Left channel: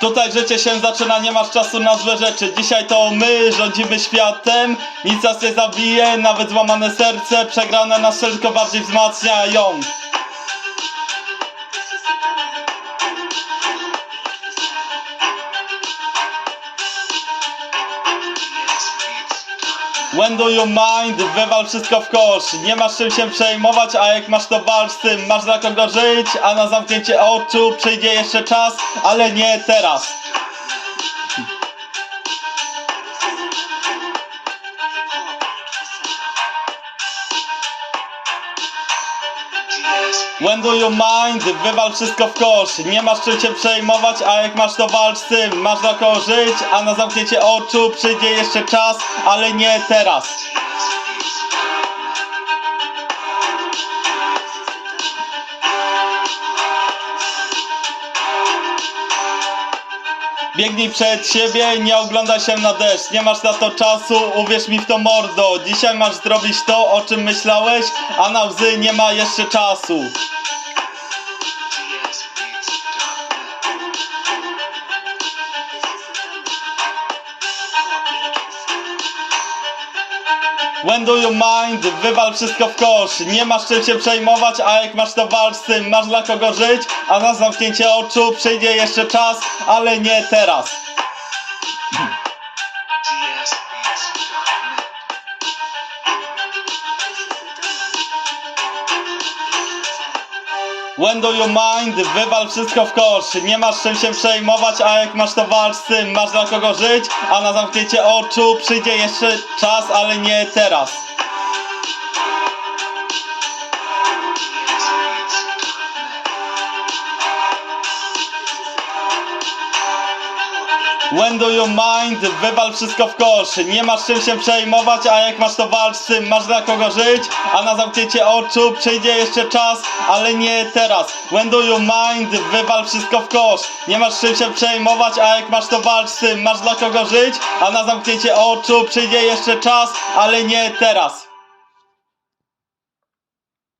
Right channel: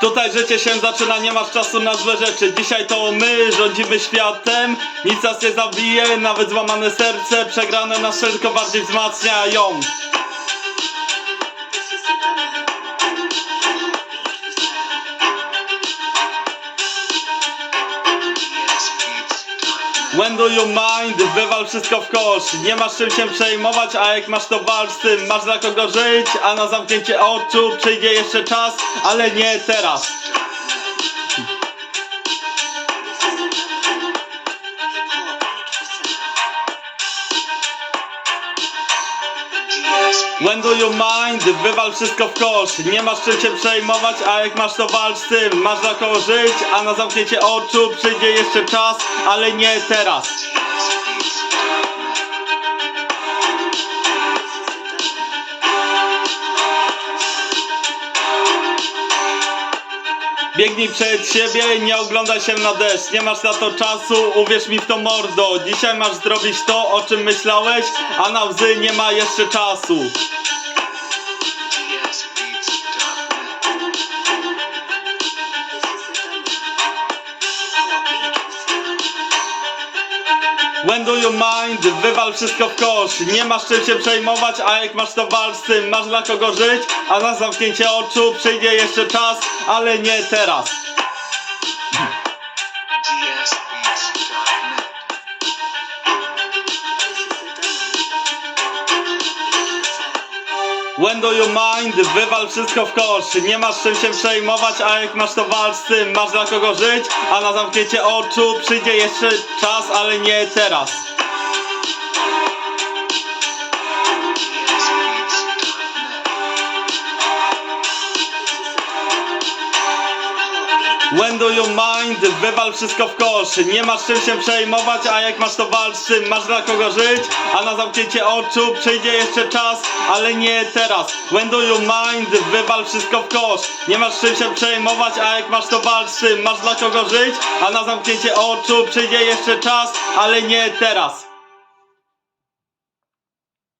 Tutaj życie się zaczyna, nie masz czasu na złe rzeczy. Dzisiaj to my rządzimy światem. Nic nas nie zabije, nawet złamane serce. Przegrane nas tylko bardziej wzmacniają When do you mind? Wywal wszystko w kosz. Nie masz czym się przejmować, a jak masz to walcz z tym. Masz dla kogo żyć, a na zamknięcie oczu przyjdzie jeszcze czas, ale nie teraz. When do you mind? Wywal wszystko w kosz. Nie masz czym się przejmować, a jak masz to walcz z tym. Masz dla kogo żyć, a na zamknięcie oczu przyjdzie jeszcze czas, ale nie teraz. Biegnij przed siebie, nie oglądaj się na deszcz. Nie masz na to czasu, uwierz mi w to mordo. Dzisiaj masz zrobić to, o czym myślałeś, a na łzy nie ma jeszcze czasu. When do you mind? Wywal wszystko w kosz. Nie masz czym się przejmować, a jak masz to walcz z tym. Masz dla kogo żyć, a na zamknięcie oczu przyjdzie jeszcze czas, ale nie teraz. When do you mind? Wywal wszystko w kosz. Nie masz czym się przejmować, a jak masz to walcz z tym. Masz dla kogo żyć, a na zamknięcie oczu przyjdzie jeszcze czas, ale nie teraz. When do you mind? Wywal wszystko w kosz. Nie masz czym się przejmować, a jak masz to walcz z tym. Masz dla kogo żyć, a na zamknięcie oczu przyjdzie jeszcze czas, ale nie teraz. When do you mind? Wywal wszystko w kosz. Nie masz czym się przejmować, a jak masz to walcz z tym. Masz dla kogo żyć, a na zamknięcie oczu przyjdzie jeszcze czas, ale nie teraz.